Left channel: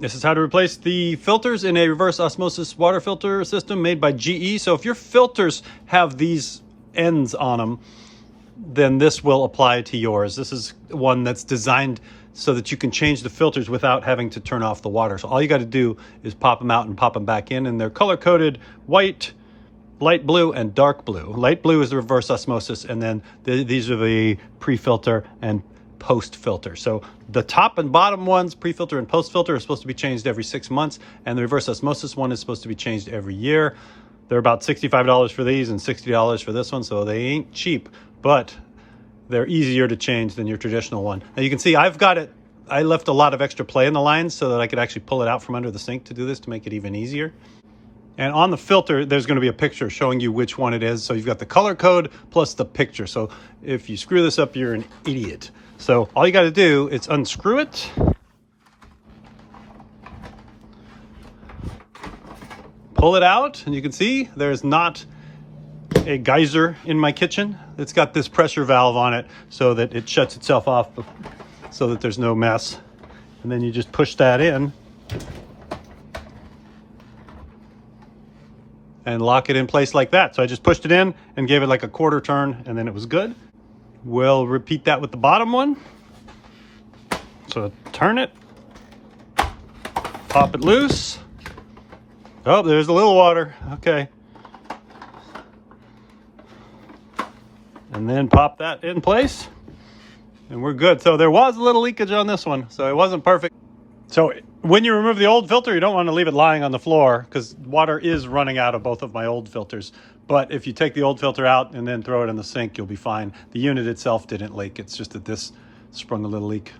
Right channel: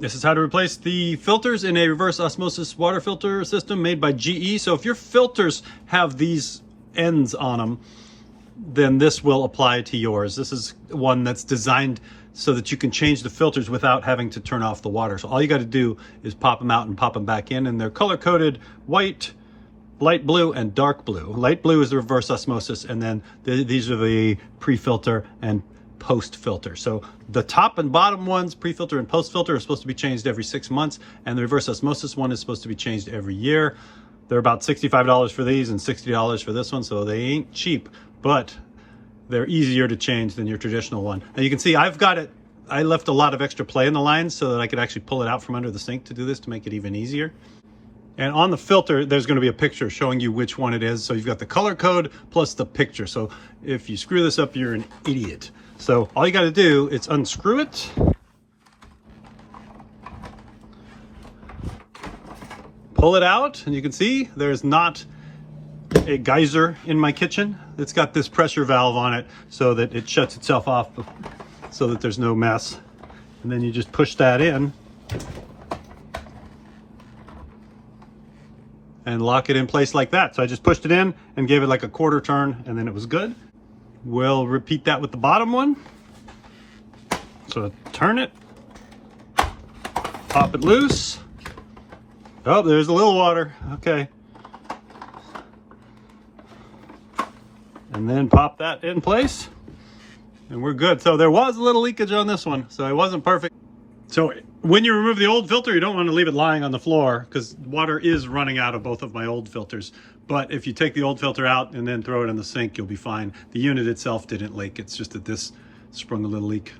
This is how to replace the filters in a reverse osmosis water filter system made by GE. So if your filters have these ends on them, then this will apply to yours. This is one that's designed so that you can change the filters without having to turn off the water. So all you got to do is pop them out and pop them back in, and they're color-coded white, light blue, and dark blue. Light blue is the reverse osmosis, and then these are the pre-filter and post-filter. So the top and bottom ones, pre-filter and post-filter, are supposed to be changed every 6 months, and the reverse osmosis one is supposed to be changed every year. They're about $65 for these and $60 for this one, so they ain't cheap, but they're easier to change than your traditional one. Now you can see I've got it, I left a lot of extra play in the lines so that I could actually pull it out from under the sink to do this, to make it even easier. And on the filter, there's going to be a picture showing you which one it is. So you've got the color code plus the picture. So if you screw this up, you're an idiot. So all you got to do is unscrew it. Pull it out, and you can see there's not a geyser in my kitchen. It's got this pressure valve on it so that it shuts itself off so that there's no mess. And then you just push that in and lock it in place like that. So I just pushed it in and gave it like a quarter turn, and then it was good. We'll repeat that with the bottom one. So turn it, pop it loose. Oh, there's a little water. Okay. And then pop that in place, and we're good. So there was a little leakage on this one, so it wasn't perfect. So when you remove the old filter, you don't want to leave it lying on the floor, because water is running out of both of my old filters. But if you take the old filter out and then throw it in the sink, you'll be fine. The unit itself didn't leak. It's just that this sprung a little leak.